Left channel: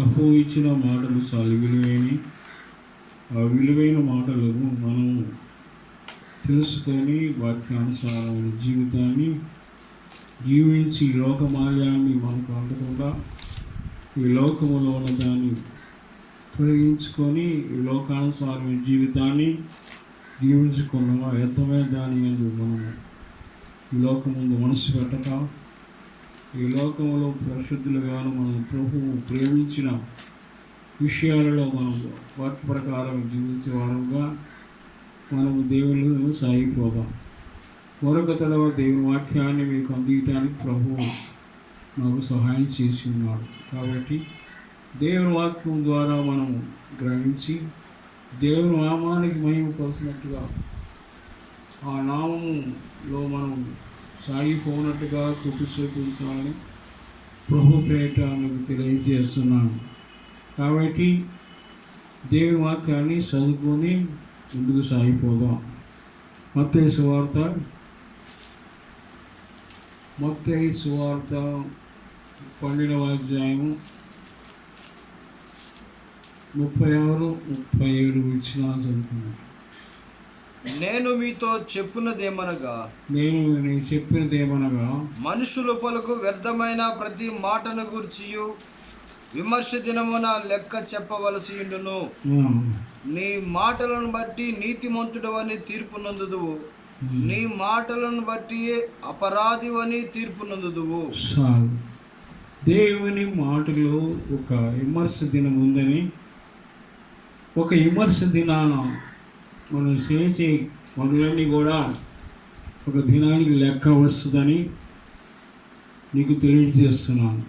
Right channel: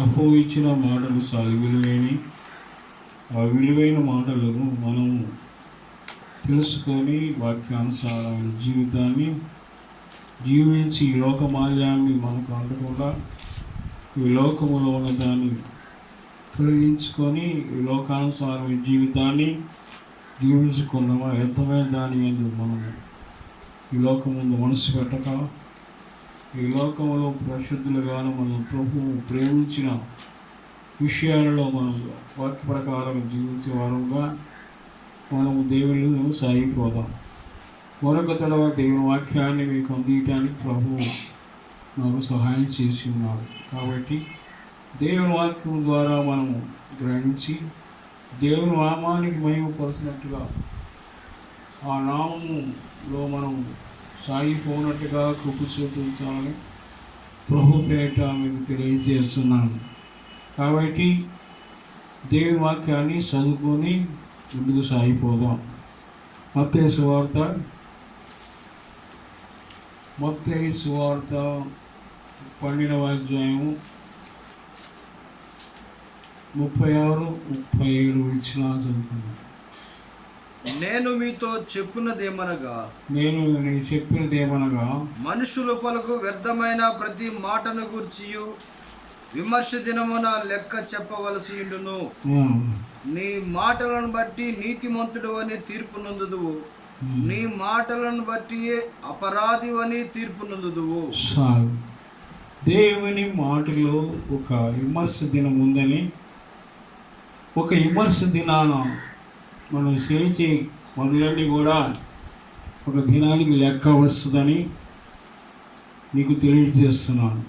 ప్రభువు ఇచ్చిన మాటలు చాలా విలువైనవి. ఆ విలువైన మాటలను మనం తెలుసుకొని వాక్యానుసారమైన జీవితాన్ని జీవించి ఈ లోకమాల్యాన్ని మనకు అందకుండా ఈ లోకములో ఉన్న దాన్ని తొలగించుకొని ఈ లోకానుసారమైన జీవితాన్ని జీవించుకున్నామా వ్యర్థమైన దాని ఎందుకు మనం ఈ లోకం ముందు మనసు పెట్టక ఈ లోకంలో పరిశుద్ధులుగాను మనం ప్రభువు ప్రేమించిన విషయాలలో మనం వాక్య ప్రకారం జీవించే వారుగా మనం దేవుళ్ళు సాగిపోదాం. మరొక తర్వాత దేవుని వాక్యాన్ని మీకు అందించడానికి ప్రభువు నాకు సహాయం చేసి ఉన్నాడు. కాబట్టి దేవుని వాక్యం ద్వారా మనం గ్రహించి దేవుని నామానికి మహిమపరిచినట్టుగా ఆ నామములో మనం సాగిపోనట్టుగా కృప చూపించాలని ప్రభు పేట మీకు తెలియజేస్తున్నాను. కాబట్టి దేవుని వాక్యాన్ని చదువుకొని ముందుకు సాగిపోదాం. మత్తయి సువార్త 12వ అధ్యాయము 36-37 వచనాలు చదువుకుందాం. నేను మీతో చెప్పినదేమనగా మనుషులు పలుకు వ్యర్థమైన ప్రతి మాటను గూర్చియు విమర్శ దినమున లెక్క చెప్పవలసి ఉండును. నీ మాటలను బట్టి నీతిమంతుడు అని తీర్పు నందుదువు, నీ మాటలను బట్టి అపరాధి అని తీర్పు నందుదువు. దేవుని మాటలో ఒక విమర్శ దినం ఉందని, ఒక విమర్శ దినాన మనం చేసే పనులన్నీ కూడా ఒక దినానికి లెక్క వస్తుందని నీకు తెలియజేస్తున్నాను.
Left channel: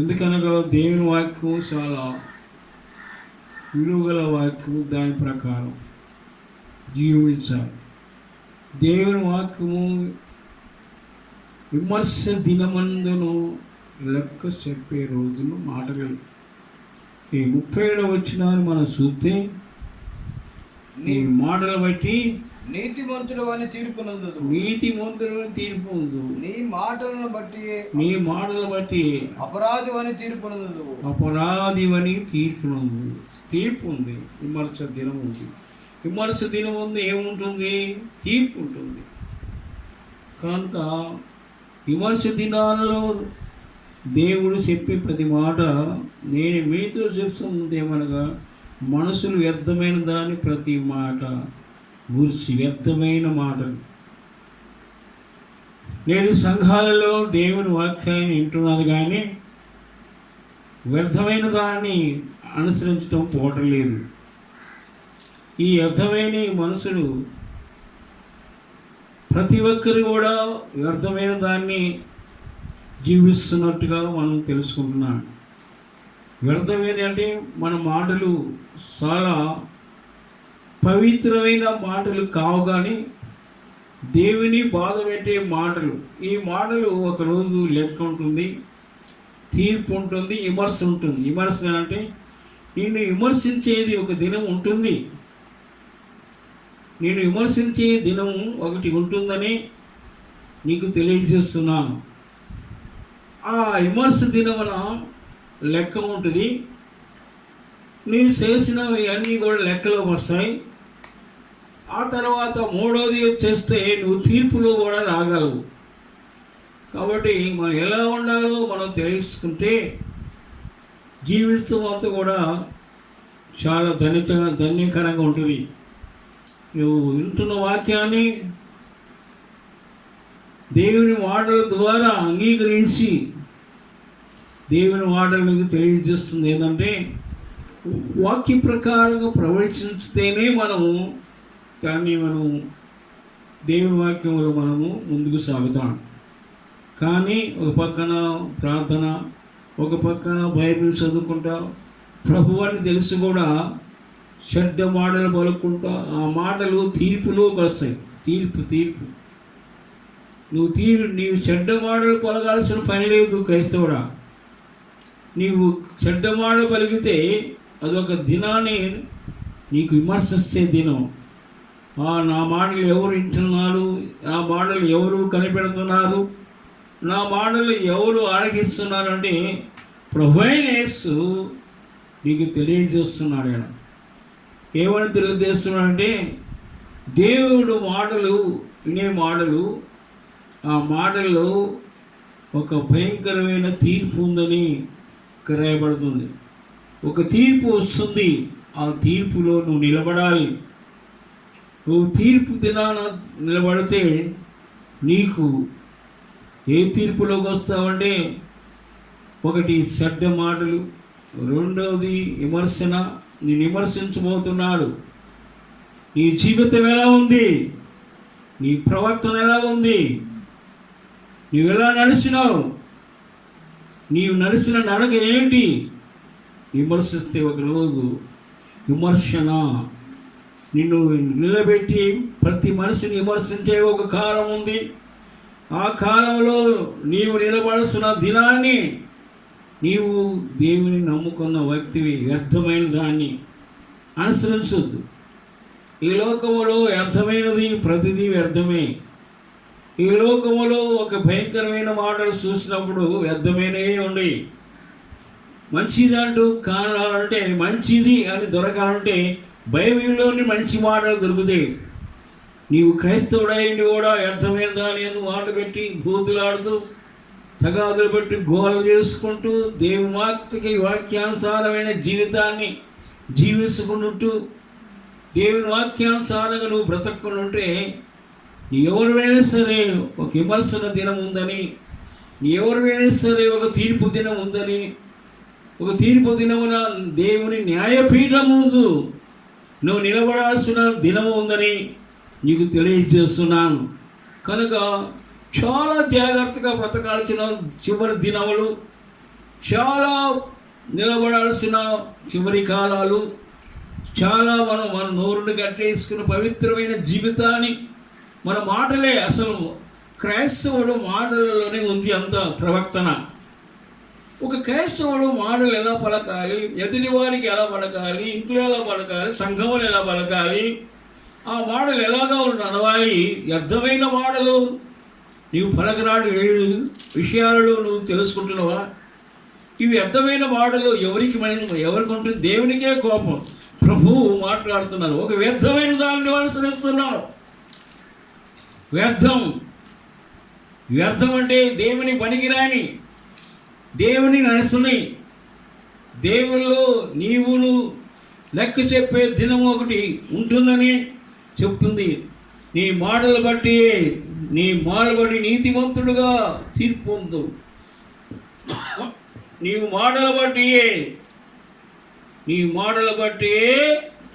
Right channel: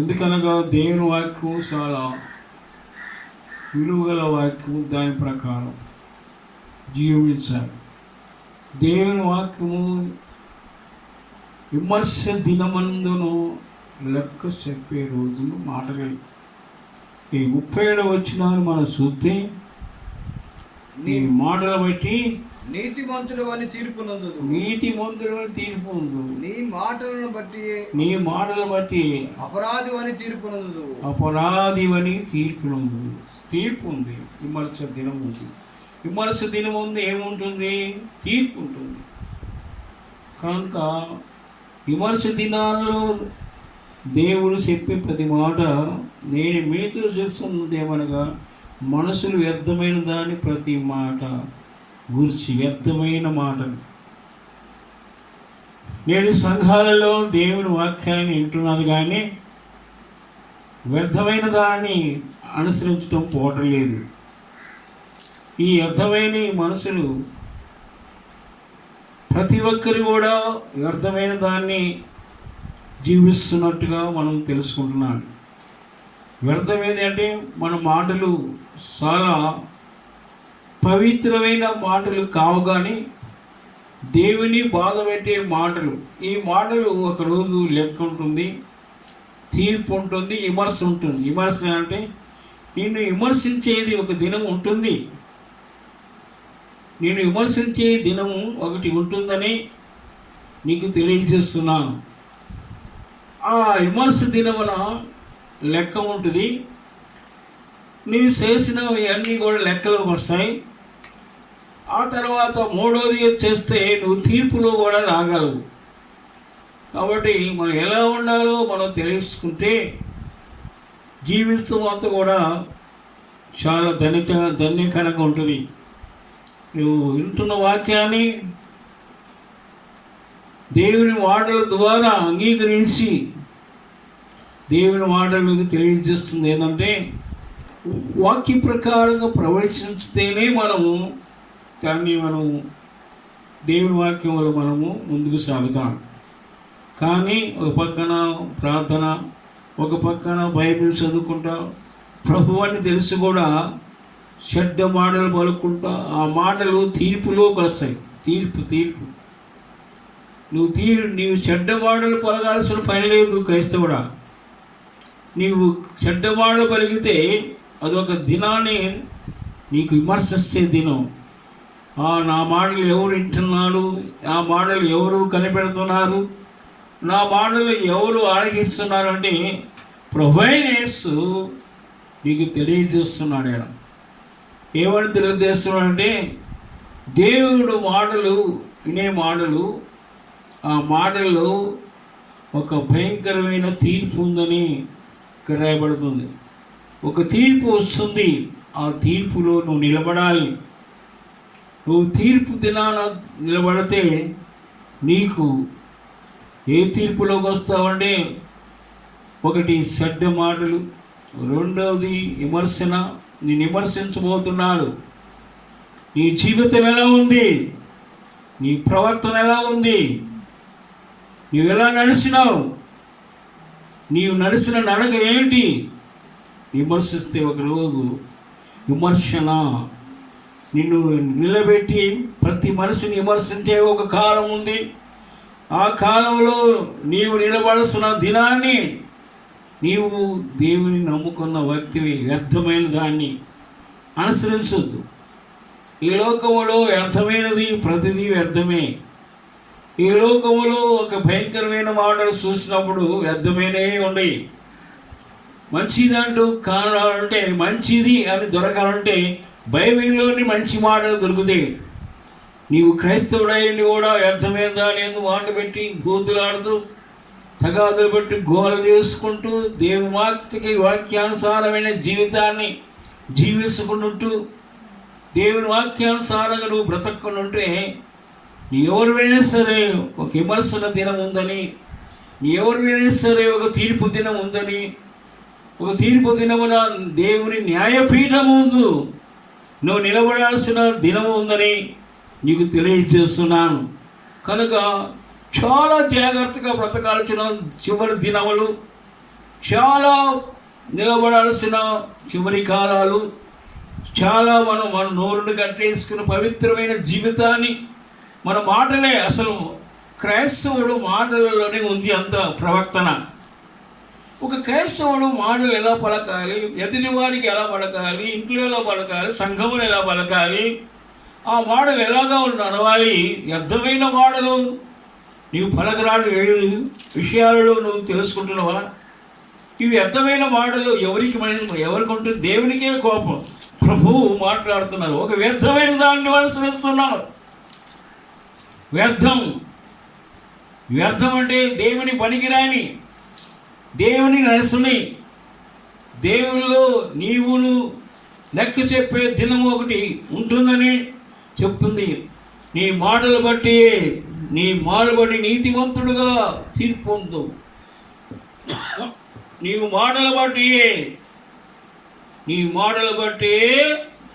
ఎందుకనగా దేవుని వాక్యం చాలా విలువగల వాక్యం. దాని ప్రకారం జీవించాలి. దేవుని వాక్యము విమర్శ దినమందును లెక్క చెప్పే రోజులు మాటలు. ఈ 37వ వచనాన్ని మనం చూస్తే నీ మాటలు బట్టి నీతిమంతుడు అని తీర్పు నందుదు, నీతిమంతుడు అని తీర్పు ఉంది. నీ మాటలను బట్టి అపరాధి అని తీర్పు నందుదు, అపరాధి అని తీర్పు నందు. తీర్పు ఉంది. విమర్శ దినం ఉంది. విమర్శ దినం ఉంది. ఏముంటుంది? తీర్పు ఉంటుంది. కనుక విమర్శ దినాల్లో దేవుడు చెప్పే ప్రతి మాట నేను మీతో చెప్తున్నది ఏమనగా మనసులు వ్యర్థమైన దాని ప్రతి మాట గురించి వ్యర్థమైన మాటలు. నేడు సంఘాలలో దేవుని వాక్యాన్ని వింటున్నది కానీ వ్యర్థమైన దాన్ని అనుసరించడం పోవటం లేదు. ఈ వ్యర్థమైన మనసులు ప్రతి ఒక్కరు కూడా వ్యర్థమైన దాన్ని జీవిస్తున్నట్టుగా మనం తెలుసుకుంటున్నాం. వ్యర్థమైనది అంటే మన మాటలు చాలా పవిత్రమైన మాటలు కావు, కానీ దేవుని బాధ పెట్టే మాటలు. ఈ మాటలు ఒకరోజు లెక్క ఉంటుంది, తీర్పు ఉంటుంది, విమర్శ ఉంటుంది. విమర్శ అంటే నిన్ను విమర్శించేది ఒక దినం ఉంటుంది. నేను విమర్శించే దినం ఒకటి ఉంటుందని నీకు తెలియజేస్తున్నాను. ఆ విమర్శ దినమున లెక్క ఉంటుంది. నీవు చేసినవి అన్నీ కూడా లెక్కలోకి వస్తాయి. ఆ తర్వాత మూడోది చేస్తే నువ్వు తీర్పులో కూడా రాగలవు. కాబట్టి మనం ఎలా ఉండాలో మనం తెలుసుకుంటే జీవితం అంతా కూడా చాలా ధన్యకరంగా ఉంటుంది. నువ్వు వింటున్న వాక్యాన్ని దేవుని మాటల ద్వారా అంగీకరించి దేవుని మాటలకు తెలియజేస్తుంది ఏంటంటే వాక్య ప్రకారంగా ప్రవేశిస్తేనే మనము దేవుని వాక్యం వల్ల మనము ముందుకు సాగుతాం. కానీ ఒక పక్కన ప్రార్థన, ఒక పక్కన బైబిల్ చదువుకుంటా, ప్రభువాన్ని తెలిసి కూడా చెడ్డ మాటలు పలుకుంటా ఆ మాటలు తీర్పులోకి వస్తాయి. తీర్పు నీవు చెడ్డ మాటలు పలకాల్సిన పని లేదు. క్రైస్తవుడా, నీవు చెడ్డ మాటలు పలికితే అదొక దినాన్ని నీకు విమర్శించే దినం. నా మాటలు ఎవరు వింటున్నారు, నా మాటలు ఎవరు కనిపెడుతున్నారు, నా మాటలు ఎవరు ఆలకిస్తున్నారు అంటే ప్రభువైన యేసు నీకు తెలియజేస్తున్నాడు. ఆయన ఏమని తెలియజేస్తున్నాడంటే, దేవుడు మాటలు వినే మాటలు, ఆ మాటల్లో ఒక భయంకరమైన తీర్పు ఉందని ఇక్కడ రాయబడుతుంది. ఒక తీర్పు వస్తుంది, ఆ తీర్పులో నువ్వు నిలబడాలి. నువ్వు తీర్పు దినాన నిలబడితే నీకు ఏ తీర్పులోకి వస్తావంటే, ఒకటి చెడ్డ మాటలు, రెండవది విమర్శన. నేను విమర్శించబోతున్నాడు. నీ జీవితం ఎలా ఉంది, నీ ప్రవర్తన ఎలా ఉంది, నీవు ఎలా నడిచినావు, నీవు నడిచిన నడక ఏంటి విమర్శిస్తే ఒకరోజు విమర్శన నిన్ను నిలబెట్టి ప్రతి మనిషిని విమర్శించే ఒక కాలం ఉంది. ఆ కాలంలో నీవు నిలబడాల్సిన దినాన్ని నీవు దేవుని నమ్ముకున్న వ్యక్తివి వ్యర్థమైన దాన్ని అనుసరించొద్దు. ఈ లోకములో వ్యర్థమైనది ప్రతిదీ వ్యర్థమే. ఈ లోకములో ఒక భయంకరమైన మాటలు చూసినప్పుడు వ్యర్థమైనవే ఉన్నాయి. మంచిదంటూ కావాలంటే, మంచిది అని దొరకాలంటే బైబిల్లోని మంచి మాటలు దొరుకుతాయి. నీవు క్రైస్తవుడైంది కూడా వ్యర్థమైన దాని మాటలు పెట్టి బూతులాడుతూ తగాదులు పెట్టి గోలు చేసుకుంటూ దేవుని వాక్యానుసారమైన జీవితాన్ని జీవించుకుంటూ దేవుని వాక్యానుసారంగా నువ్వు బ్రతకునుంటే, నీ ఎవరివైనా సరే ఒక విమర్శన దినం ఉందని, నీ ఎవరివైనా సరే ఒక తీర్పు దినం ఉందని, ఒక తీర్పు దినమున దేవుని న్యాయపీఠం ముందు నువ్వు నిలబడాల్సిన దినము ఉందని నీకు తెలియజేస్తున్నాను. కనుక చాలా జాగ్రత్తగా బ్రతకాల్సిన చివరి దినములు, చాలా నిలబడాల్సిన చివరి కాలాలు, చాలా మన నోరుని కట్టేసుకున్న పవిత్రమైన జీవితాన్ని, మన మాటలే అసలు క్రైస్తవుడు మాటలలోనే ఉంది అంత ప్రవర్తన. ఒక క్రైస్తవుడు మాటలు ఎలా పలకాలి, ఎదుటి వారికి ఎలా పలకాలి, ఇంట్లో ఎలా పలకాలి, సంఘములు ఎలా పలకాలి, ఆ మాటలు ఎలాగా నడవాలి. వ్యర్థమైన మాటలు నీవు పలకరాడు విషయాలలో నువ్వు తెలుసుకుంటున్నావా? ఇవి వ్యర్థమైన మాటలు ఎవరికి ఉంటుంది? దేవునికే కోపం. ప్రభువు మాట్లాడుతున్నారు, ఒక వ్యర్థమైన దాన్ని అనుసరిస్తున్నావు. వ్యర్థం అంటే దేవుని పనికిరాని, దేవుని నడుచుని, దేవుళ్ళు నీవును లెక్క చెప్పే దినము ఒకటి ఉంటుందని చెప్తుంది. నీ మాటలు బట్టి నీతిమంతుడుగా తీర్పు పొందు. నీవు మాటలు బట్టి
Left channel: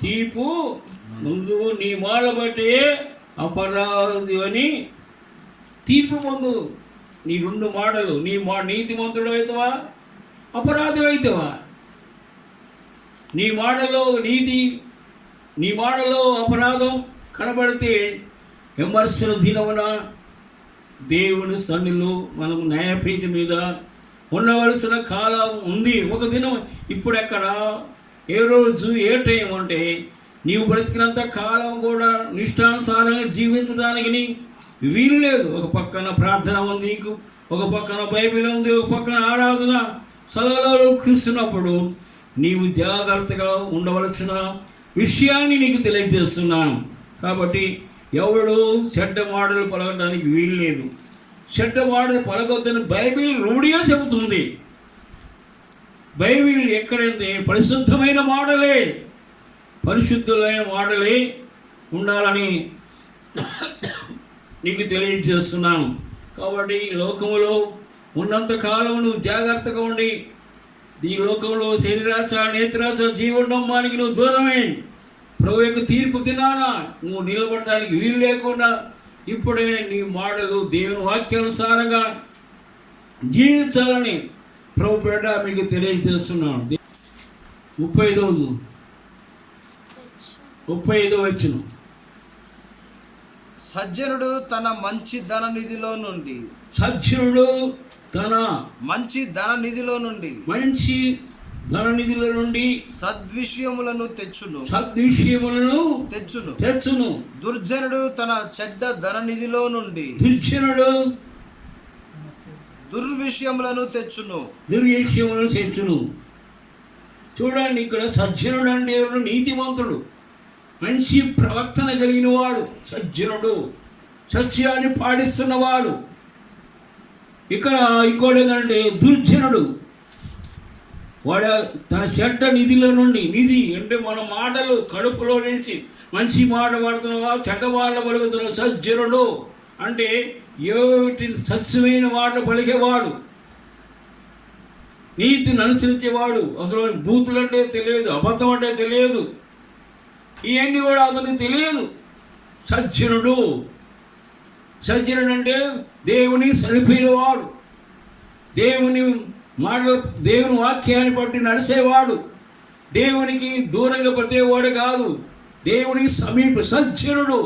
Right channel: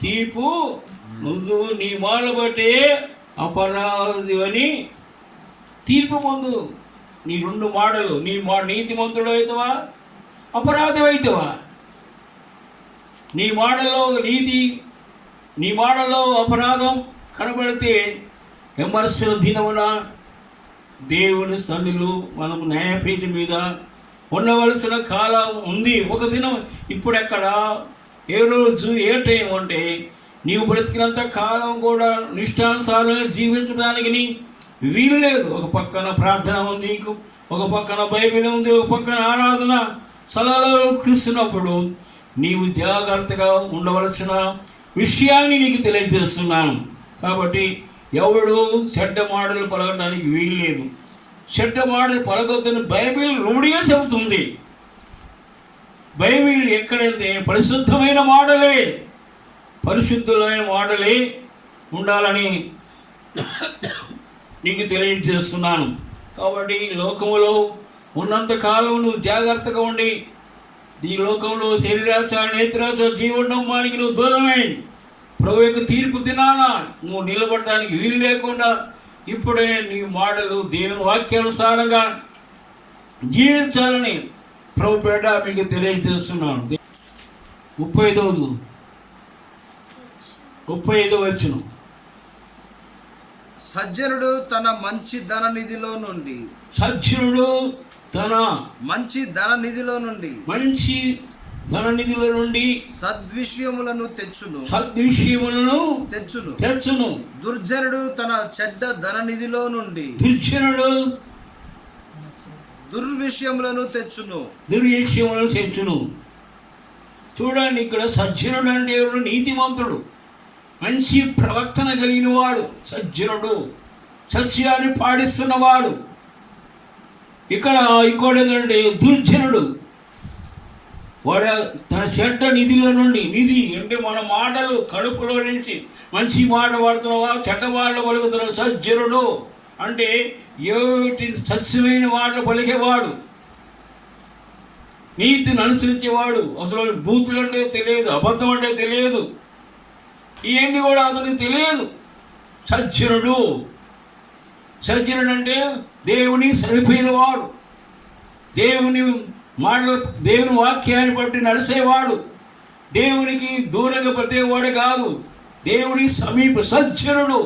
తీర్పు ముందు, నీ మాటలు బట్టి అపరాధి అని తీర్పు పొందు. నీ రెండు మాటలు, నీతిమంతుడు అవుతావా, అపరాధి అవుతావా? నీ మాటలో నీతి, నీ మాటలో అపరాధం కనబడితే విమర్శన దినమున దేవుని సన్నిధిలో మనము న్యాయపీఠం మీద ఉండవలసిన కాలం ఉంది. ఒక దినం ఇప్పుడెక్కడ, ఏ రోజు, ఏ టైం అంటే నీవు బ్రతికినంత కాలం కూడా నిష్టానుసారంగా జీవించడానికి వీలు లేదు. ఒక పక్కన ప్రార్థన ఉంది, ఒక పక్కన బైబిల్ ఉంది, ఒక పక్కన ఆరాధన స్థలాలలో కూర్చున్నప్పుడు నీవు జాగ్రత్తగా ఉండవలసిన విషయాన్ని నీకు తెలియజేస్తున్నాను. కాబట్టి ఎవడు చెడ్డ మాటలు పలకడానికి వీలు లేదు. చెడ్డ మాటలు పలకొద్దని బైబిల్ రూఢిగా చెబుతుంది. బైబిల్ ఎక్కడంటే పరిశుద్ధమైన మాటలే, పరిశుద్ధమైన మాటలే ఉండాలని నీకు తెలియజేస్తున్నాను. కాబట్టి లోకములో ఉన్నంతకాలం నువ్వు జాగ్రత్తగా ఉండి, ఈ లోకంలో శరీరాశ, నేత్రాశ, జీవనమ్మానికి నువ్వు దూరమై ప్రభు యొక్క తీర్పు దినాన నువ్వు నిలబడటానికి వీలు లేకుండా ఇప్పుడే నీ మాటలు దేవుని వాక్యానుసారంగా జీవించాలని ప్రభు పేట మీకు తెలియజేస్తున్నాను. 35వ వచనం. సజ్జనుడు తన మంచి ధన నిధిలో నుండి సద్విషయములను తెచ్చును. దుర్జనుడు తన చెడ్డ ధన నిధిలో నుండి దుర్విషయములను తెచ్చును. దుర్విషయములను తెచ్చును. చూడండి, ఇక్కడ సజ్జనుడు అంటే ఎవరు? నీతిమంతుడు, మంచి ప్రవర్తన కలిగిన వాడు సజ్జనుడు, సత్యాన్ని పాటిస్తున్నవాడు. ఇక్కడ ఇంకోటి ఏంటంటే దుర్జనుడు. వాడు తన చెడ్డ నిధిలో నుండి, నిధి అంటే మన మాటలు కడుపులో నుంచి మంచి మాట పడుతున్నావా, చెడ్డ మాటలు పలుకుతున్నావు. సజ్జనుడు అంటే ఏమిటి? సత్యమైన మాటలు పలికేవాడు, నీతిని అనుసరించేవాడు. అసలు బూతులు అంటే తెలియదు, అబద్ధం అంటే తెలియదు, ఇవన్నీ కూడా అతనికి తెలియదు. సజ్జనుడు. సజ్జనుడు అంటే దేవుని సరిపోయినవాడు, దేవుని మాటలు, దేవుని వాక్యాన్ని బట్టి నడిచేవాడు, దేవునికి దూరంగా పడేవాడు కాదు, దేవుని సమీప. సజ్జనుడు,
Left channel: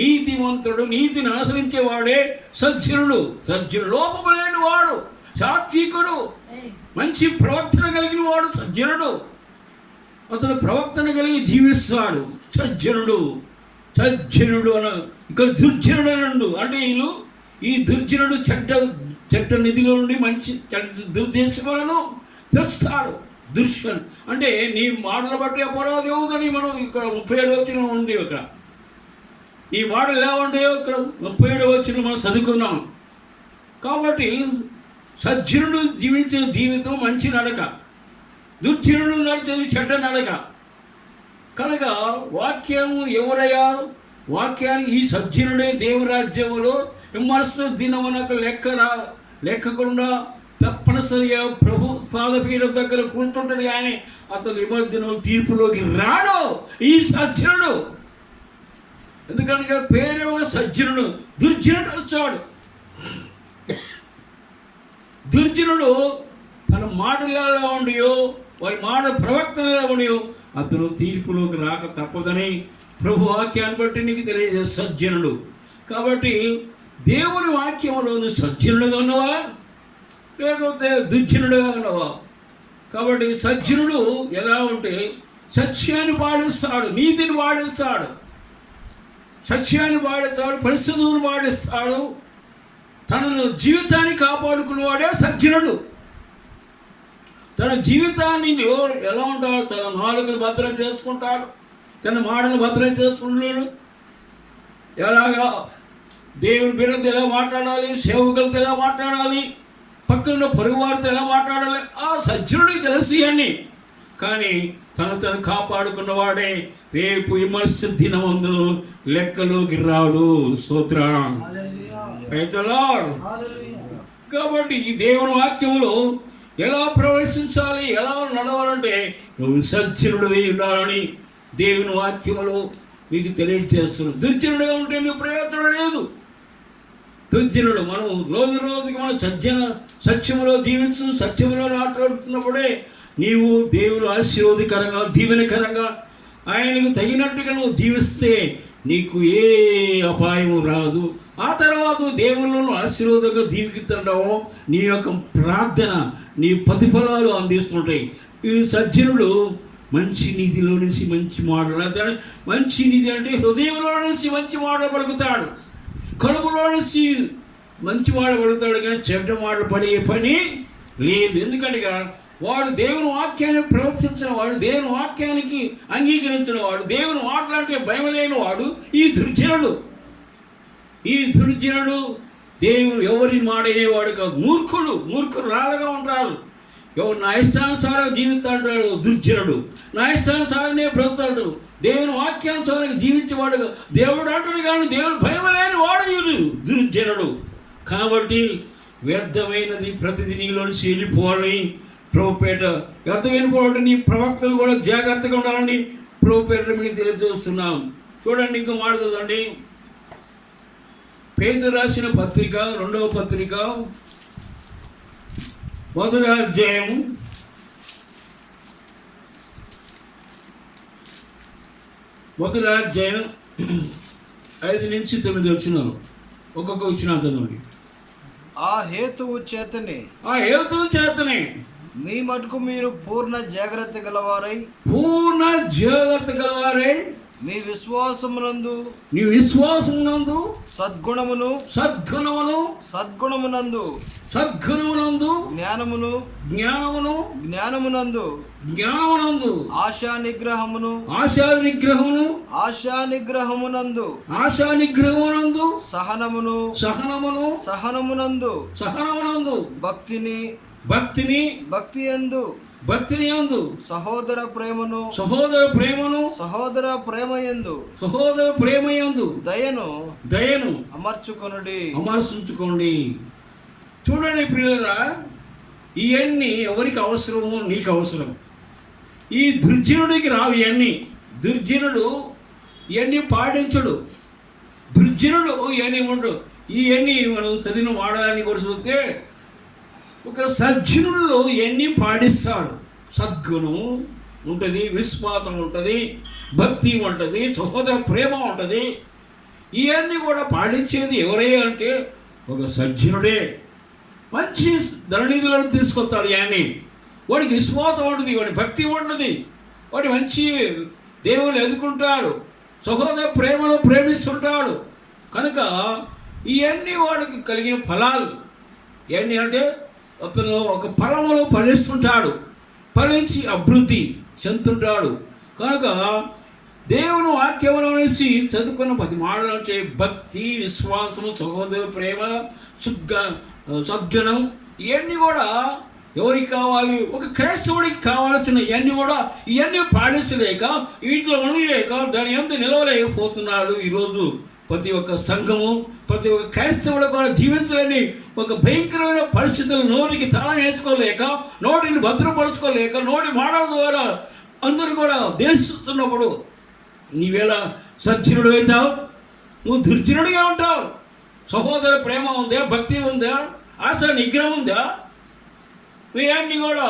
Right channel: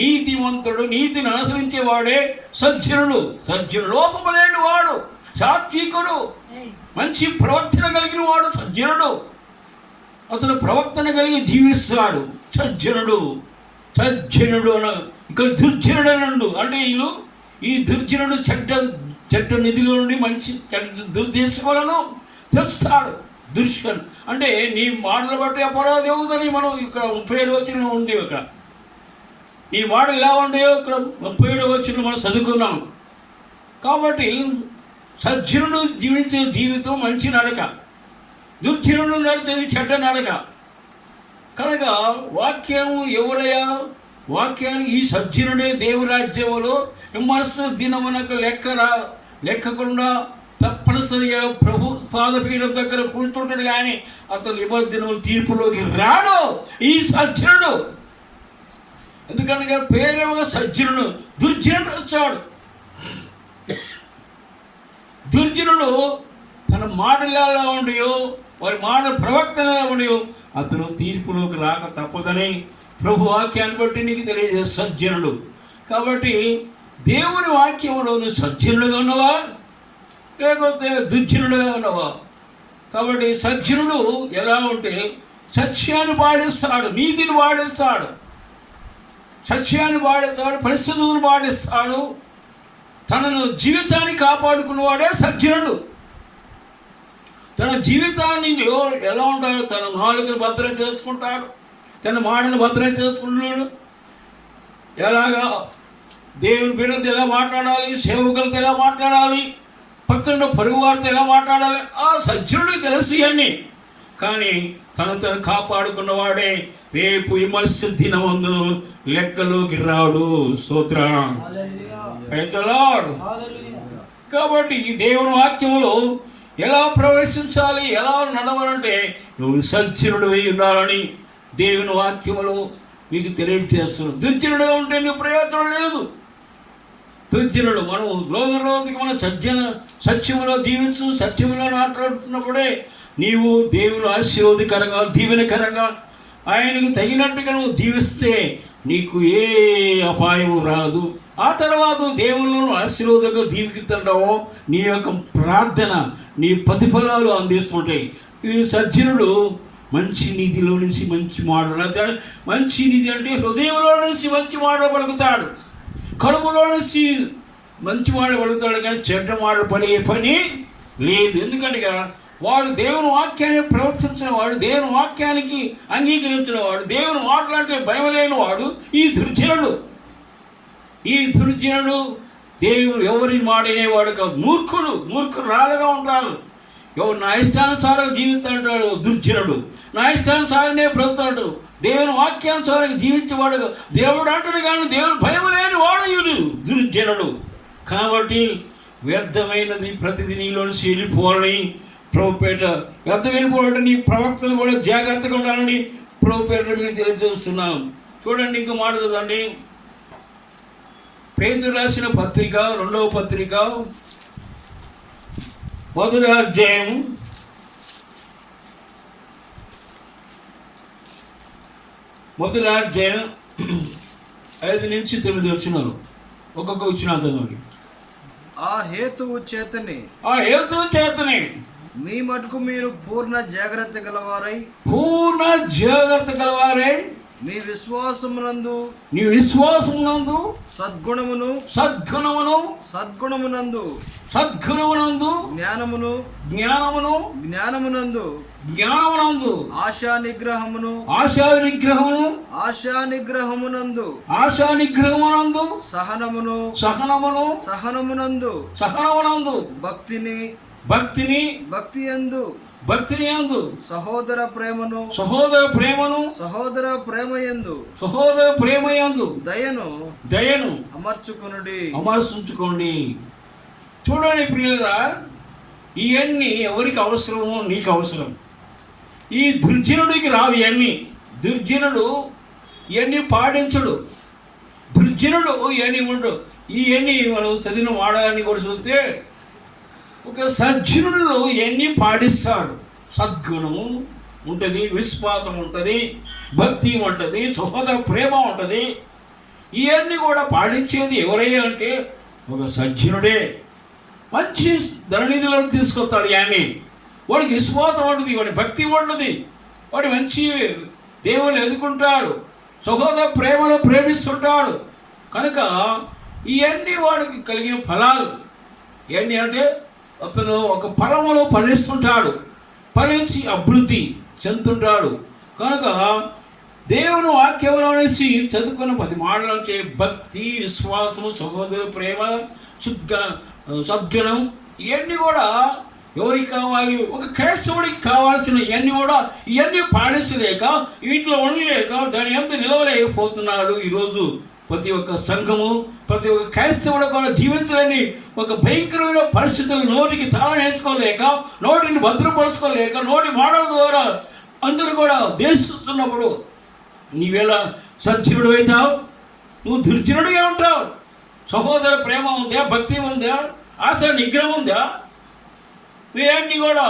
నీతివంతుడు, నీతిని అనుసరించేవాడే సజ్జనుడు. సజ్జనుడు లోపలేని వాడు, సాత్వికుడు, మంచి ప్రవర్తన కలిగిన వాడు సజ్జనుడు. అతను ప్రవర్తన కలిగి జీవిస్తాడు సజ్జనుడు. సజ్జనుడు ఇక్కడ దుర్జనుడు అనండు అంటే వీళ్ళు ఈ దుర్జనుడు చెడ్డ నిధిలో నుండి మంచి దుర్దేశములను తెస్తాడు. దుర్షన్ అంటే నీ మాటలు బట్టి అపరాధి అవుతుందని మనం ఇక్కడ 37 వచనం ఉంది. ఇక్కడ ఈ మాటలు ఎలా ఉంటాయో ఇక్కడ 37 వచనం మనం చదువుకున్నాం. కాబట్టి సజ్జనుడు జీవించే జీవితం మంచి నడక, దుర్జనుడు నడిచేది చెడ్డ నడక. కనుక వాక్యము ఎవరయ్యా? వాక్యానికి ఈ సజ్జనుడే దేవురాజ్యములో విమర్శ దినమునకు లెక్కకుండా తప్పనిసరిగా ప్రభు పాదపీఠం దగ్గర కూర్చుంటాడు, కానీ అతను విమర్శనం తీర్పులోకి రాడు ఈ సజ్జనుడు. ఎందుకంటే పేరేమో సజ్జనుడు, దుర్జనుడు వచ్చాడు. దుర్జనుడు తన మాటలు ఎలా ఉండయో, వారి మాట ప్రవక్తలు ఎలా ఉండయో అతను తీర్పులోకి రాక తప్పదని ప్రభు వాక్యాన్ని బట్టి నీకు తెలియజేసే సజ్జనుడు. కాబట్టి దేవుని వాక్యంలో నువ్వు సజ్జనుడుగా ఉన్నావా లేకపోతే దుర్జనుడుగా ఉన్నావా? కాబట్టి సజ్జనుడు ఎలా ఉంటే సత్యాన్ని పాటిస్తాడు, నీతిని పాటిస్తాడు, సత్యాన్ని పాటిస్తాడు, పరిస్థితులను పాటిస్తాడు, తనను జీవితాన్ని కాపాడుకున్నవాడే సజ్జనుడు. తన జీవితాన్ని ఎలా ఉంటాడు? తన నాలుకను భద్రం చేసుకుంటాడు, తన మాటను భద్రం చేసుకుంటున్నాడు. ఎలాగా దేవుని బిడ్డలతో ఎలా మాట్లాడాలి, సేవకులతో ఎలా మాట్లాడాలి, పక్కన పొరుగు వారితో ఎలా మాట్లాడాలి, ఆ సజ్జనుడికి తెలుసు అని. కానీ తను కాపాడుకున్నవాడే రేపు విమర్శ దినమందు లెక్కలోకి రాడు. స్తోత్రం. కాబట్టి ఈ దేవుని వాక్యంలో ఎలా ప్రవేశించాలి, ఎలా నడవాలంటే నువ్వు సజ్జనుడు అయి ఉండాలని దేవుని వాక్యములో మీకు తెలియజేస్తున్నావు. దుర్జనుడుగా ఉంటే నీకు ప్రయోజనం లేదు. దుర్జనుడు మనం రోజుకి మనం సత్యములో జీవించు, సత్యములో మాట్లాడుతున్నప్పుడే నీవు దేవుని ఆశీర్వాదకరంగా, దీవెనకరంగా, ఆయనకు తగినట్టుగా నువ్వు జీవిస్తే నీకు ఏ అపాయము రాదు. ఆ తర్వాత దేవుళ్ళను ఆశీర్వాదంగా దీవిస్తుంటావో నీ యొక్క ప్రార్థన, నీ ప్రతిఫలాలు అందిస్తుంటాయి. ఈ సజ్జనుడు మంచి నిధిలో నుంచి మంచి మాటలు, మంచి నిధి అంటే హృదయంలో నుంచి మంచి మాటలు పలుకుతాడు, కడుపులో నుంచి మంచి మాటలు పలుకుతాడు, కానీ చెడ్డ మాటలు పలిగే పని లేదు. ఎందుకంటే వాడు దేవుని వాక్యాన్ని ప్రవర్తించిన వాడు, దేవుని వాక్యానికి అంగీకరించిన వాడు, దేవుని మాటలంటే భయం లేని వాడు ఈ దుర్జనుడు. ఈ దుర్జనుడు దేవుడు ఎవరి మాట అనేవాడు కాదు. మూర్ఖుడు రాలుగా ఉంటారు. ఎవరు నా ఇష్టానుసారంగా జీవిస్తాడు దుర్జనుడు, నా ఇష్టానుసారంగా బ్రతుకుతాడు. దేవుని వాక్యానుసారంగా జీవించేవాడు దేవుడు అంటాడు, కానీ దేవుడు భయం లేని వాడు ఇవి దుర్జనుడు. కాబట్టి వ్యర్థమైనది ప్రతిదీ నీలోని వెళ్ళిపోవాలని ప్రభుపేట, వ్యర్థమైన కూడా నీ ప్రవక్తలు కూడా జాగ్రత్తగా ఉండాలని ప్రభుపేట మీకు తెలియజేస్తున్నాం. చూడండి, ఇంకో మాట చదవండి. పేతురు రాసిన పత్రిక 2వ పత్రిక 1వ అధ్యాయం 5 నుంచి 9 వచనాలు. ఒక్కొక్క వచనం చదవండి. ఆ హేతువు చేతనే మీ మటుకు మీరు పూర్ణ జాగ్రత్త గలవారై మీ విశ్వాసమునందు సద్గుణమునందు సద్గుణమునందు జ్ఞానమును జ్ఞానమును జ్ఞానమునందు జ్ఞానమునందు ఆశా నిగ్రహమును ఆశా నిగ్రహమును ఆశా నిగ్రహమునందు ఆశా నిగ్రహమునందు సహనమును సహనమును సహనమునందు సహనమునందు భక్తిని భక్తిని భక్తియందు భక్తిని యందు సహోదర ప్రేమను సహోదర ప్రేమను సహోదర ప్రేమయందు సహోదర ప్రేమయందు దయను దయను అమర్చుకొనుడి అమర్చుంచుకోండి. చూడండి ప్రియులరా, ఇవన్నీ ఎవరికి అవసరమో నీకు అవసరం. ఈ దుర్జనుడికి రావు ఇవన్నీ. దుర్జనుడు ఇవన్నీ పాటించడు. దుర్జనుడు ఇవన్నీ ఉండడు. ఇవన్నీ మనం చదివిన వాడాలని కూడా చూస్తే ఒక సజ్జనుడు ఇవన్నీ పాటిస్తాడు. సద్గుణము ఉంటుంది, విశ్వాసం ఉంటుంది, భక్తి ఉంటుంది, సహోదర ప్రేమ ఉంటుంది. ఇవన్నీ కూడా పాటించేది ఎవరయ్యా అంటే ఒక సజ్జనుడే. మంచి ధననిధులను తీసుకొస్తాడు. ఇవన్నీ వాడికి విశ్వాసం ఉంటుంది, వాడి భక్తి ఉంటుంది, వాడి మంచి దేవుళ్ళు ఎదుర్కొంటాడు, సహోదర ప్రేమలో ప్రేమిస్తుంటాడు. కనుక ఇవన్నీ వాడికి కలిగిన ఫలాలు. ఇవన్నీ అంటే అతను ఒక ఫలములో ఫలిస్తుంటాడు, ఫలించి అభివృద్ధి చెందుతుంటాడు. కనుక దేవుని వాక్యంలో నుంచి చదువుకున్న 10 మాటల నుంచి భక్తి, విశ్వాసము, సహోదర ప్రేమ, సద్గుణం ఇవన్నీ కూడా ఎవరికి కావాలి? ఒక క్రైస్తవుడికి కావాల్సిన ఇవన్నీ కూడా ఇవన్నీ పాటించలేక, వీటిలో ఉండలేక, దాని యందు నిలవలేకపోతున్నాడు. ఈరోజు ప్రతి ఒక్క సంఘము, ప్రతి ఒక్క క్రైస్తవుడు కూడా జీవించలేని ఒక భయంకరమైన పరిస్థితులు, నోటికి తాళం వేసుకోలేక, నోటిని భద్రపరచుకోలేక, నోటి మాటల ద్వారా అందరూ కూడా దేశిస్తున్నప్పుడు నీవేళ సజ్జనుడు అవుతావు, నువ్వు దుర్జనుడిగా ఉంటావు. సహోదర ప్రేమ ఉందా? భక్తి ఉందా? ఆశ నిగ్రహం ఉందా? ఇవన్నీ కూడా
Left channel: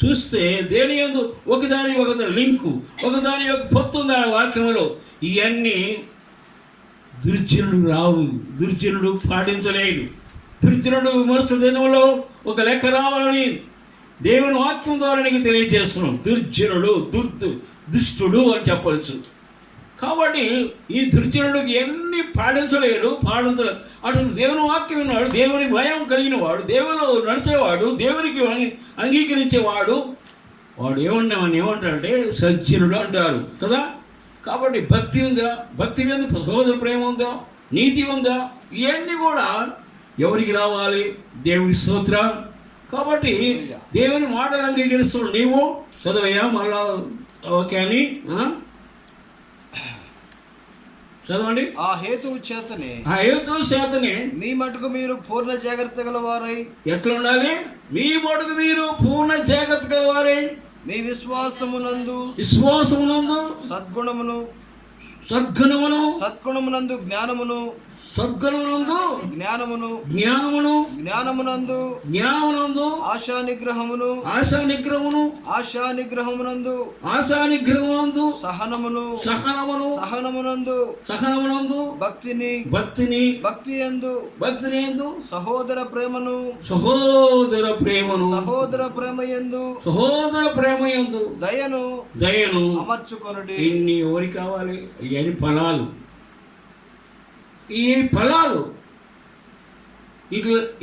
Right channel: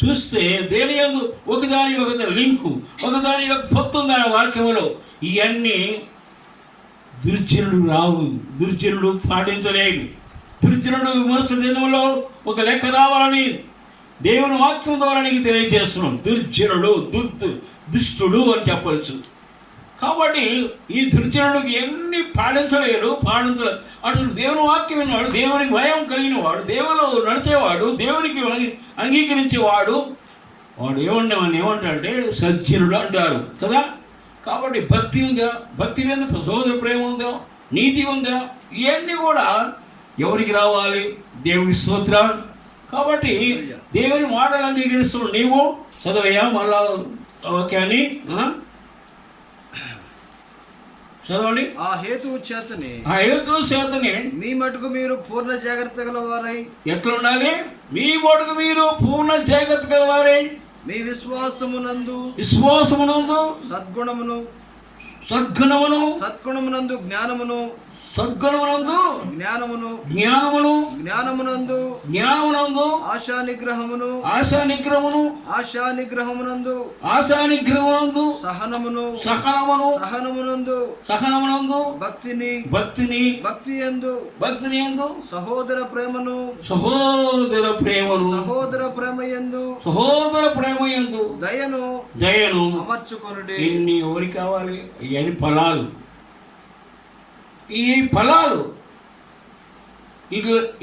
చూస్తే దేని యందు ఒకదాని లింకు, ఒకదాని యొక్క పొత్తు ఉంది ఆ వాక్యంలో. ఇవన్నీ దుర్జనుడు రావు, దుర్జనుడు పాటించలేడు. దుర్జనుడు విమర్శ దినంలో ఒక లెక్క రావాలని దేవుని వాక్యం ద్వారా నీకు తెలియజేస్తున్నాం. దుర్జనుడు దుష్టుడు అని చెప్పవచ్చు. కాబట్టి ఈ దుర్జనుడికి ఎన్ని పాటించలేడు. అటు దేవుని వాక్యం విన్నవాడు, దేవుని భయం కలిగిన వాడు, దేవుడు నడిచేవాడు, దేవునికి అంగీకరించేవాడు, వాడు ఏమంటాడంటే సజ్జనుడు అంటారు కదా. కాబట్టి భక్తి ఉందా? భక్తి మీద సహోదర ప్రేమ ఉందా? నీతి ఉందా? ఇవన్నీ కూడా ఎవరికి రావాలి? దేవుని స్తోత్రం. కాబట్టి దేవుని మాటలు అంగీకరిస్తున్నాడు. నీవు చదవయ్యా మళ్ళా వాక్యాన్ని చదవండి. ఆ హేతువు చేతనే మీ మటుకు మీరు పూర్ణ జాగ్రత్త గలవారై. ఎట్లా ఉండాలి? మీ మటుకు మీరు పూర్ణ జాగ్రత్త గలవారై మీ విశ్వాసమునందు సద్గుణమును జ్ఞానమును ఆశా నిగ్రహమును సహనమునందు భక్తిని సహోదర ప్రేమయందు దయను అమర్చుకొనుడి. ఇన్ని ఎవరికి కావాలి? ఇవన్నీ ఫలాలు.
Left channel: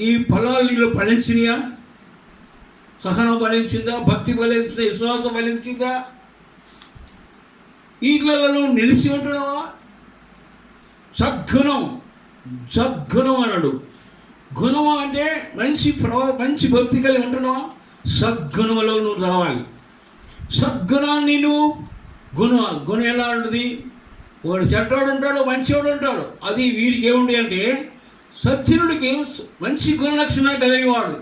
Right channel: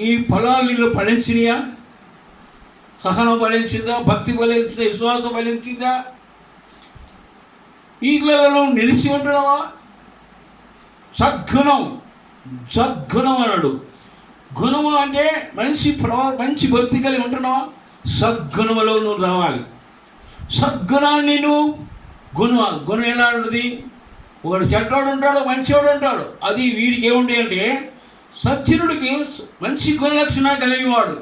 ఈ ఫలాలు నీలో ఫలించినయా? సహనం ఫలించిందా? భక్తి ఫలించిందా? విశ్వాసం ఫలించిందా? వీటిలో నిలిచి ఉంటున్నావా? సద్గుణం అన్నాడు. గుణము అంటే మంచి భక్తి కలిగి ఉంటున్నావా? సద్గుణములో నువ్వు రావాలి. సద్గుణాన్ని నువ్వు గుణం ఎలా ఉంటుంది? ఒకడు చెడ్డోడు ఉంటాడు, మంచివాడు ఉంటాడు. అది వీడికి ఏముంటాయి అంటే సజ్జనుడికి మంచి గుణలక్షణాలు కలిగినవాడు,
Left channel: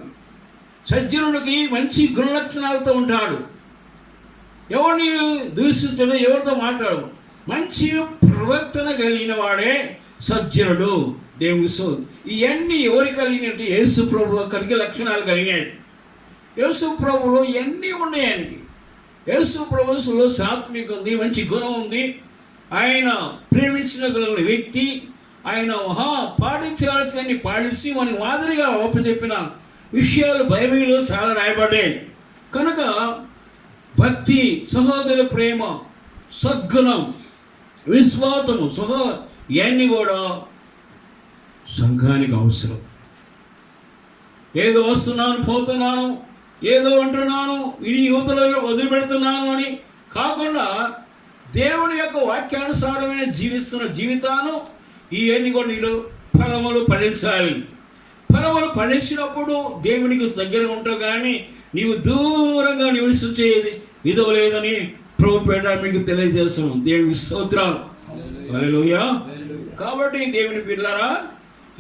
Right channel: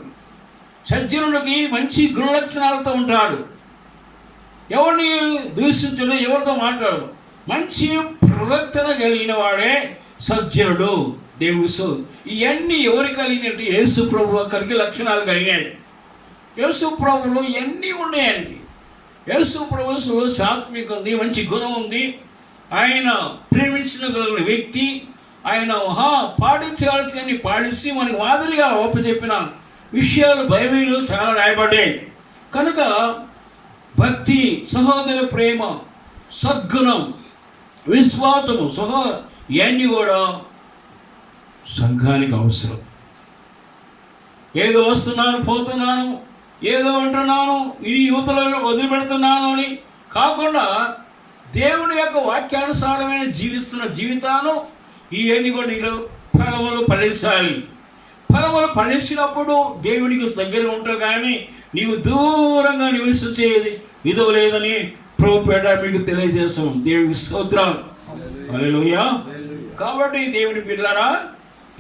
సజ్జనుడికి మంచి గుణలక్షణాలతో ఉంటాడు. ఎవరిని దూషించడు, ఎవరితో మాట్లాడు, మంచి ప్రవర్తన కలిగిన వాడే సజ్జనుడు. దేవుడు ఇవన్నీ ఎవరు కలిగినట్టు? యేసు ప్రభు కలిగే లక్షణాలు కలిగినాయి. యేసు ప్రభులో ఇవన్నీ ఉన్నాయండి. యేసు ప్రభులో సాత్వికం ఉంది, మంచి గుణం ఉంది, ఆయన ప్రేమించిన వ్యక్తి, ఆయన పాటించాల్సినవన్నీ పాటించి మనకు మాదిరిగా ఒప్పచెప్పిన విషయాలు బైబిల్లో చాలా రాయబడ్డాయి. కనుక భక్తి, సహోదర ప్రేమ, సద్గుణం, విశ్వాసము, ఇవన్నీ కూడా సంఘానికి అవసరం. ఏదో వస్తున్నాను పోతున్నాను, ఏదో ఉంటున్నాను, ఇది యువతలలో వదిలిపెడుతున్నాను అని కాకుండా దేవుని యొక్క వాక్యానుసారమైన జీవిస్తున్న జీవితాన్ని ఇవన్నీ కూడా నీలో ఫలములు ఫలించాలి. ఫలములు ఫలించినప్పుడు దేవునికి దగ్గర ఉంటావు, కానీ నీవు దూరంగా నివసించేది విధవ లేదని ప్రభుపేట మీకు తెలియజేస్తున్నాం. దేవునికి స్తోత్రాలు, హల్లెలూయా. కాబట్టి దేవుని పిల్లరా,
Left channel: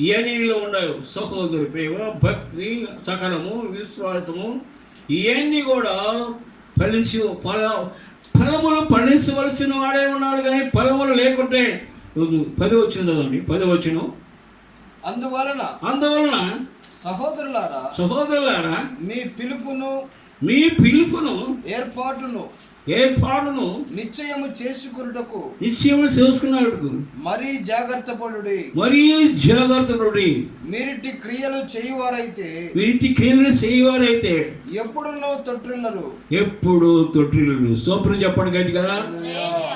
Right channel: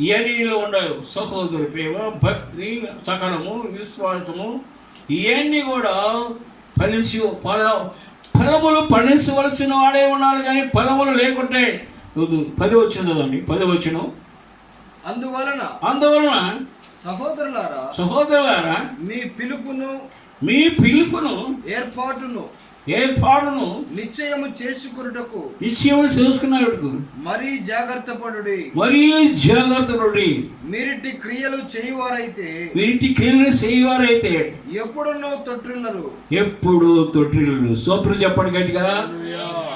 ఇవన్నీలో ఉన్నాయి సహోదరి ప్రేమ, భక్తి, సకలము, విశ్వాసము, ఇవన్నీ కూడా ఫలములు ఫలించవలసిన వాడే ఉన్నాడు. కానీ ఫలములు లేకుంటే 10 వచ్చిందండి, 10 వచ్చును. అందువలన సహోదరులారా మీ పిలుపును ఏర్పాటును నిశ్చయము చేసుకున్నటకు మరీ జాగ్రత్త పడుడి. మీరిటి క్రియలు చేయువారైతే ఎప్పుడు తొట్టిల్లరు. సోప్రం చెప్పండి గట్టిగా.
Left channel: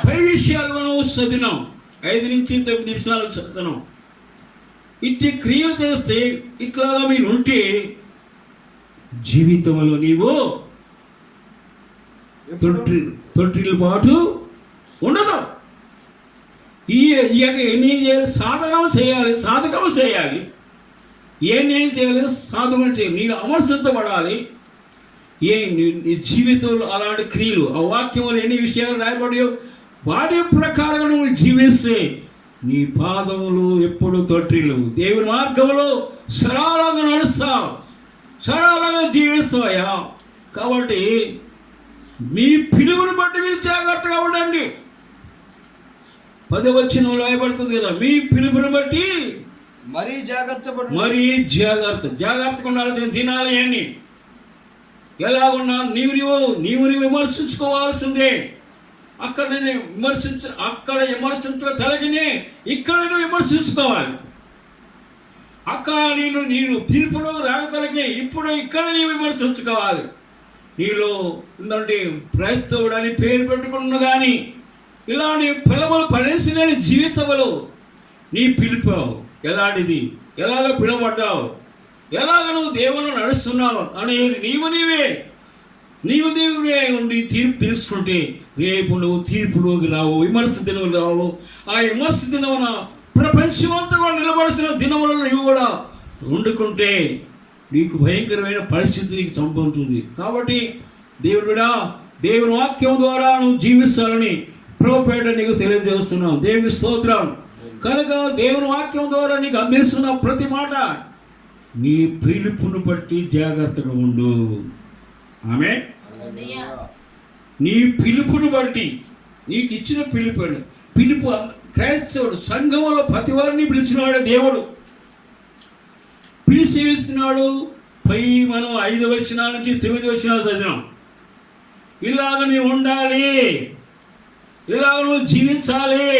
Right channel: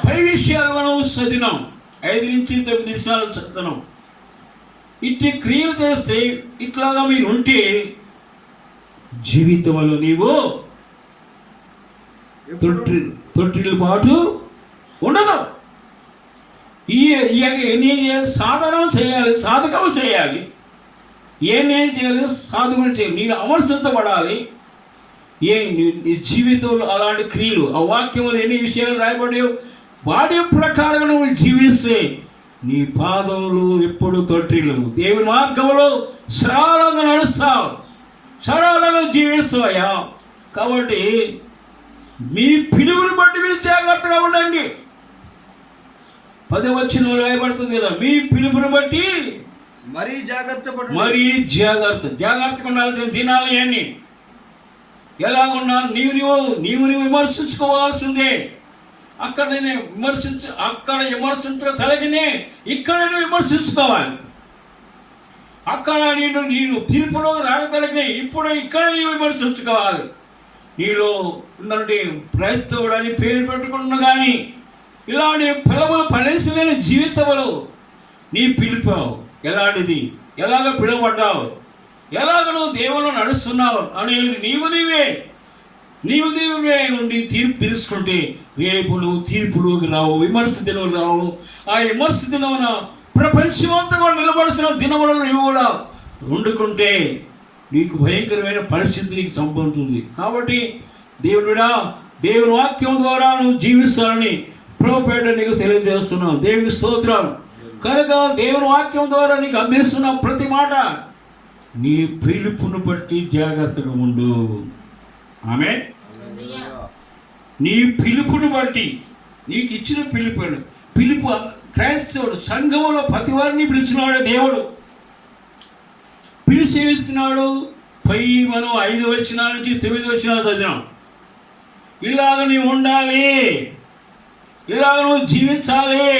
10 విషయాలు మనం చదివినాం, 5 నుంచి 9 నిమిషాలు చదువుతున్నాం. ఇట్టి క్రియలు చేస్తే ఇట్లాగా మీరు ఉంటే జీవితంలో నీవు తొట్టిల్లు పాటు ఉండదు. ఎన్ని సాధకం చేయాలి, ఏమేం చేయాలి, సాధకం చేయాలి. నీకు అమర్శించబడాలి. నీ జీవితంలో అలాంటి క్రియలు, ఆ వాక్యంలో ఎన్ని విషయాలు రాయబడియో వాటి ప్రకారం నువ్వు జీవిస్తే నీ పాదములు ఎప్పుడు తొట్టిల్లు. దేవుని మార్గంలో సరళంగా నడుస్తావు, సరళంగా జీవిస్తావయ్యా. కాబట్టి మీ పిలుపుని బట్టి మీరు జాగ్రత్తగా ఉండండి. 10 వచనంలో రాయబడుతుంది కదా, మీ పిలుపుని బట్టి మరీ జాగ్రత్తగా ఉండాల్సిన దినాలు ఇవన్నీ. ఎలాగున్నా నీవు విమర్శించుకోవాల్సిందే. అక్కడ విమర్శించ తలగినే ఇక్కడ నువ్వు విమర్శించుకోవాలి. అక్కడ నేను పిలుపులోకి రాగతలగినే ఇప్పుడు ఇక్కడ నీవు విమర్శించుకోవాలి. నీలో ఉందంటే క్రైస్తవుడని పేరు పెట్టుకున్నా కానీ ఇలాంటి పిలవలు ఫలించలేని జీవితంలో నీ పిలుపు ఎలాంటిది, ఎలాగ పిలువబడ్డావు, ఎలాగ నువ్వు దేవుళ్ళు నడుస్తున్నావు అనేది నీవే ఉండి తీర్పు తెలుసుకుంటే రేపు నువ్వు తీర్పులోకి రావు, విమర్శ దినం రావు. ఆ విమర్శ దినమున ప్రపంచమంతా కూడా నిలబడాల్సిన దినములను నువ్వు కూడా వండుకుంటే నీకు భయంకరమైన పరిస్థితి నీకు సంభవిస్తుంది. కాబట్టి దేవుని వాక్యం ద్వారా నువ్వు జీవిస్తానని ప్రభుపేట నీకు తెలియజేస్తున్నావు. దేవుని స్తోత్రం. కనుక దేవుని వాక్యం ద్వారా నీకు అందిస్తున్న ప్రతి మాట నీ పిలుపును బట్టి జాగ్రత్తగా ఉండు. ఆమేన్. నీ పిలుపును బట్టి నీకు ఇచ్చిన పిలుపు క్రైస్తవుడు సంఘములో ప్రతి వారిని పిలిచినాడు. దేవుడు పిలిచి ఇచ్చినాడు. మనం 5 వచనాల నుంచి 9 వచనాలు చదివాం. ఇలాగ నీవు ఉండాలి, ఇలాగ నువ్వు జీవించాలి,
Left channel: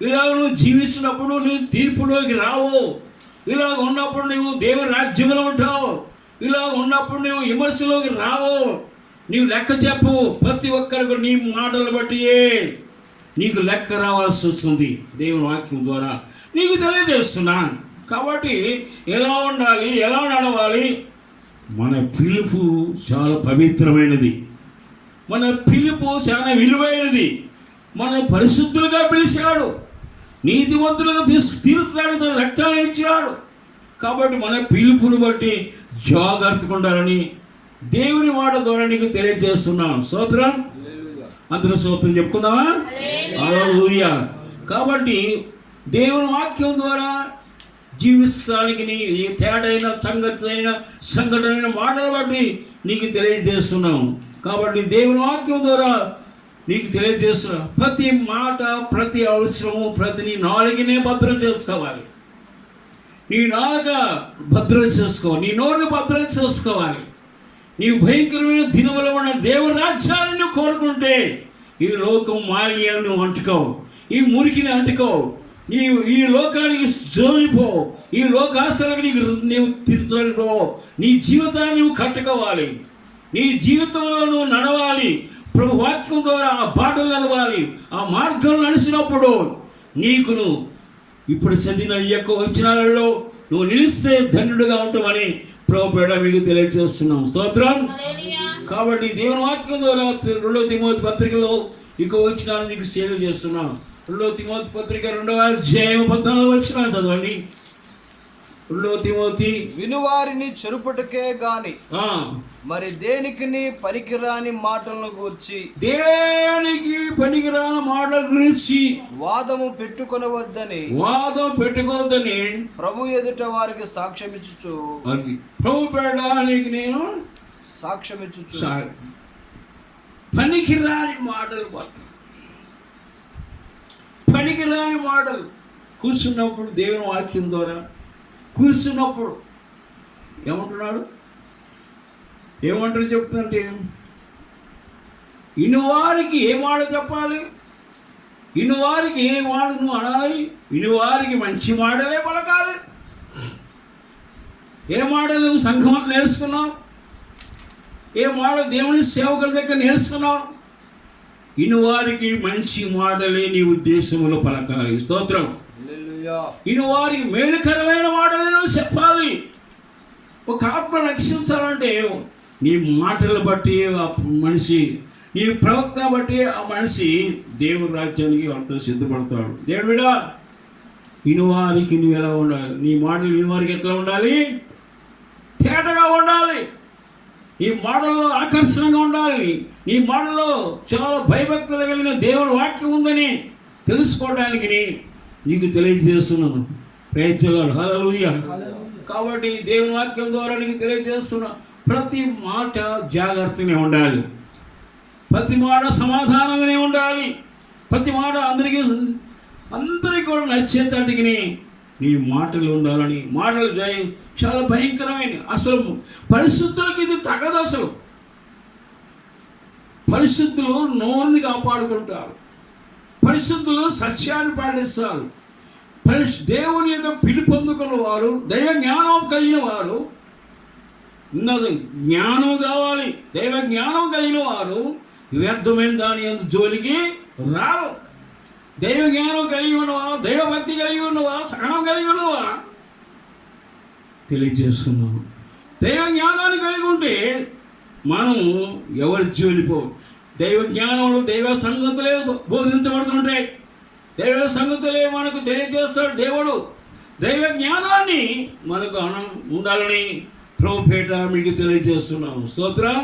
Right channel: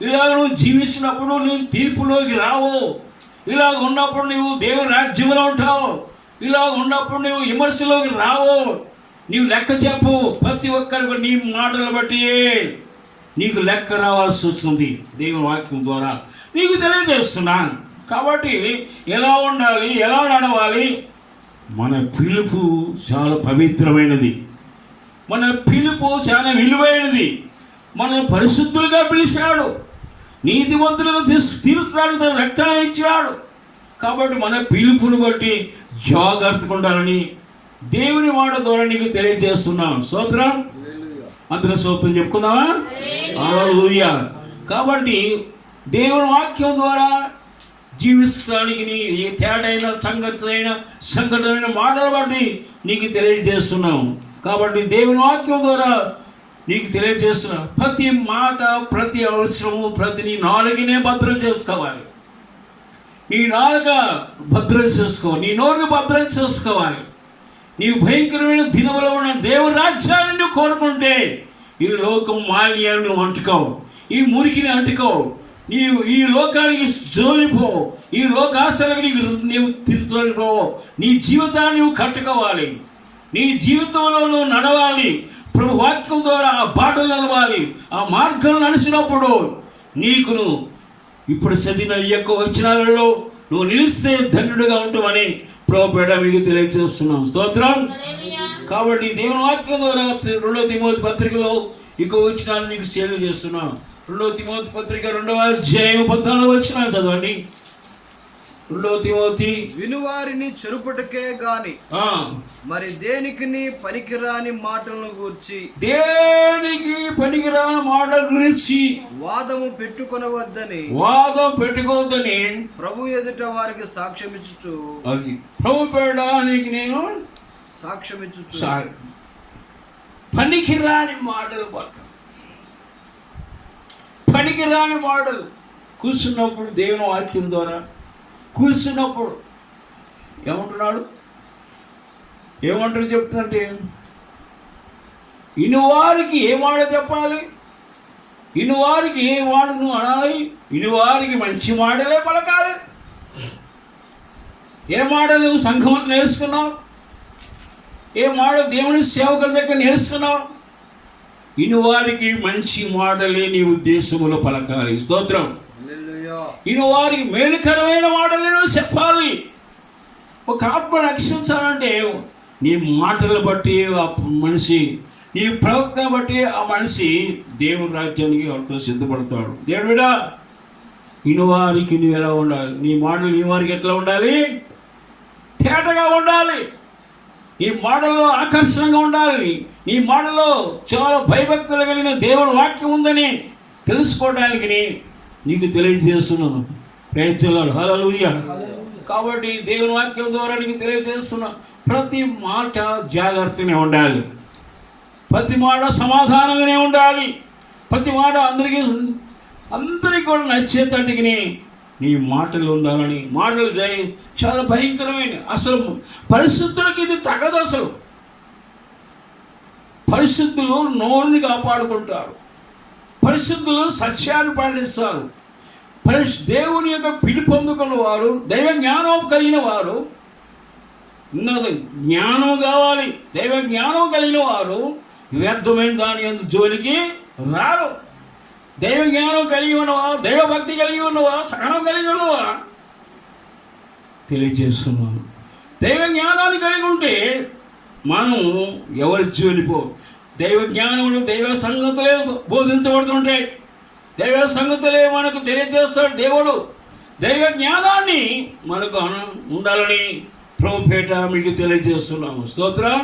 ఇలాగ నువ్వు జీవించినప్పుడు నువ్వు తీర్పులోకి రావు, ఇలాగ ఉన్నప్పుడు నువ్వు దేవుని రాజ్యంలో ఉంటావు, ఇలాగ ఉన్నప్పుడు నువ్వు విమర్శలోకి రావు, నీవు లెక్క చెప్పు. ప్రతి ఒక్కరికి నీ మాటలు బట్టి నీకు లెక్క రావాల్సి వస్తుంది. దేవుని వాక్యం ద్వారా నీకు తెలియజేస్తున్నాను. కాబట్టి ఎలా ఉండాలి, ఎలా నడవాలి. మన పిలుపు చాలా పవిత్రమైనది, మన పిలుపు చాలా విలువైనది. మనల్ని పరిశుద్ధులుగా పిలిచినాడు, నీతిమంతులుగా తీర్చున్నాడు, తన రక్తాన్ని ఇచ్చినాడు. కాబట్టి మన పిలుపుని బట్టి జాగ్రత్తగా ఉండాలని దేవుని మాట ద్వారా నీకు తెలియజేస్తున్నాం. స్తోత్రం. అందరూ స్తోత్రం చెప్పుకుందామా? హల్లెలూయా. కాబట్టి దేవుని వాక్యం ద్వారా జీవిస్తానికి నీ ఏ తేడైన సంఘటన మాటలు బట్టి నీకు తెలియజేస్తున్నాం. కాబట్టి దేవుని వాక్యం ద్వారా నీకు తెలియజేస్తున్నాం. ప్రతి మాట, ప్రతి అవసరము, నీ నాలుగునే భద్రం చేసుకోవాలి. నీ నాలుక భద్రం చేసుకో, నీ నోరుని భద్రం చేసుకోవాలి. నీవు భయంకరమైన దినములో ఉన్న దేవుని రాజ్యాన్ని నువ్వు కోరుకుంటే ఈ లోకం మాలిన్యాన్ని నువ్వు అంటుకోవు, ఈ మురికిని అంటుకోవు, నీవు ఈ లోకానికి జోలిపోవు, ఈ లోకాశలకు నీవు తిరుగుపోవు. నీ జీవితాన్ని నువ్వు కట్టుకోవాలి, నీ జీవితంలో నువ్వు నడవాలి. ప్రభు వాక్యం ద్వారా ఆ బాటలు నడవాలి. ఆ మార్గం నడిచినప్పుడు నీకును ఇప్పుడు చదివిన ఈ యొక్క వచనాలలో నువ్వు నిలిస్తే ధన్యుడిగా ఉంటామని ప్రభుపేట మీకు తెలియజేస్తున్నాం. స్తోత్రం. కాబట్టి దేవుని వాక్యం ద్వారా 2 తిమోతి పత్రికలో ఇక వచనాలు మీకు షేర్ చేస్తున్నాను. 2 తిమోతి పత్రిక 2వ అధ్యాయం 14వ వచనాలు చదవండి. 2 తిమోతి. వినువారిని చెరుపుటకే గాని మరి దేనికి పనికిరాని మాటలను గురించి వాదము పెట్టుకొనవద్దని ప్రభు ఎదుట వారికి సాక్ష్యం ఇచ్చుచు, అది ప్రభు పేడానికి నేను సాక్ష్యం ఇచ్చుచు పనికిరాని మాటలు, పనికిరాని మాటలు కూర్చున్నప్పుడు దేవుని వాక్యం ద్వారా కూర్చున్నప్పుడు ఏమంటున్నాడు, ఏమంటారు చెప్తుంటే, ఇనువారికి ఏ మాట చెప్పాలి, ఇనువారికి ఏ మాటను అనాలి, ఇనువారికి మంచి మాటలే పలకాలి. ఏ మాటలు సంఘం నేర్చుకున్నావు, ఏ మాట దేవుని సేవకుల దగ్గర నేర్చుకున్నావు, ఇనువారికి మంచి మాటలే నీ ఉద్దేశంలో పలకాలి. స్తోత్రం. ఇనువారికి మేలుకరమైన మాటలను చెప్పాలి. ఒక ఆత్మ రక్షించాలంటే నీ మాటలు బట్టి ఆ మనిషి, నీ ప్రవక్తను బట్టి ఆ మనిషి దేవుని రాజ్యానికి వాళ్ళతో సిద్ధపడతాడు. దేవుడా, ఇనువారికి నువ్వు ఎలా ఉండాలి, నీ మాటలు ఇనువారికి ఎట్లా ఉండాలి, తేటగా ఉండాలి. నీ మాటలో ఆకర్షణగా ఉండాలి. నీ మాటలో చాలా భయభక్తులు కలిగిన దేవుని వాక్యం ఉందని తెలుసుకోవడానికి నీకు తెలియజేస్తున్నాను. Praise the Lord. హల్లెలూయా. కాబట్టి దేవుని వాక్యం ద్వారా నీకు తెలియజేస్తున్నా, ప్రతి మాట జాగ్రత్తగానే ఉండాలి, ప్రతి మాట సమాధానంగానే ఉండాలి, ప్రతి మాట అందరికీ కూడా నచ్చేటట్టుగానే నీ మాటలు ఉండాలని. మాటలు చాలా భయంకరమైన, అసలు పరిశుద్ధులకి ఇది తగదు. అసలు పరిశుద్ధులు నోరుని కాపాడుకుంటారు, పరిశుద్ధులు సత్యాన్ని పాటిస్తారు. దేవుని యొక్క పిలుపొందుకున్న వారు, దైవ జ్ఞానం కలిగిన వారు, జ్ఞానం కావాలి. దైవ జ్ఞానం కలిగిన వారు వ్యర్థమైన దాని జోలికి రారు. దైవ జ్ఞానం కలిగి ఉన్నవా, దైవభక్తి కలిగి ఉన్నవా, సహనం కలిగి ఉన్నవా తెలియజేస్తున్నాను. దైవ జ్ఞానాన్ని కలిగి ఉంటే మనం ఎవరి జోలిపో. దైవ జ్ఞానములు దైవ సంగతులే బోధించబడుతుంటాయి, దైవ సంగతులే మనకు తెలియజేస్తాడు దేవుడు. దైవ జ్ఞానాన్ని మనకు ఉండాలని ప్రభుపేట మీకు తెలియజేస్తున్నాము. స్తోత్రం.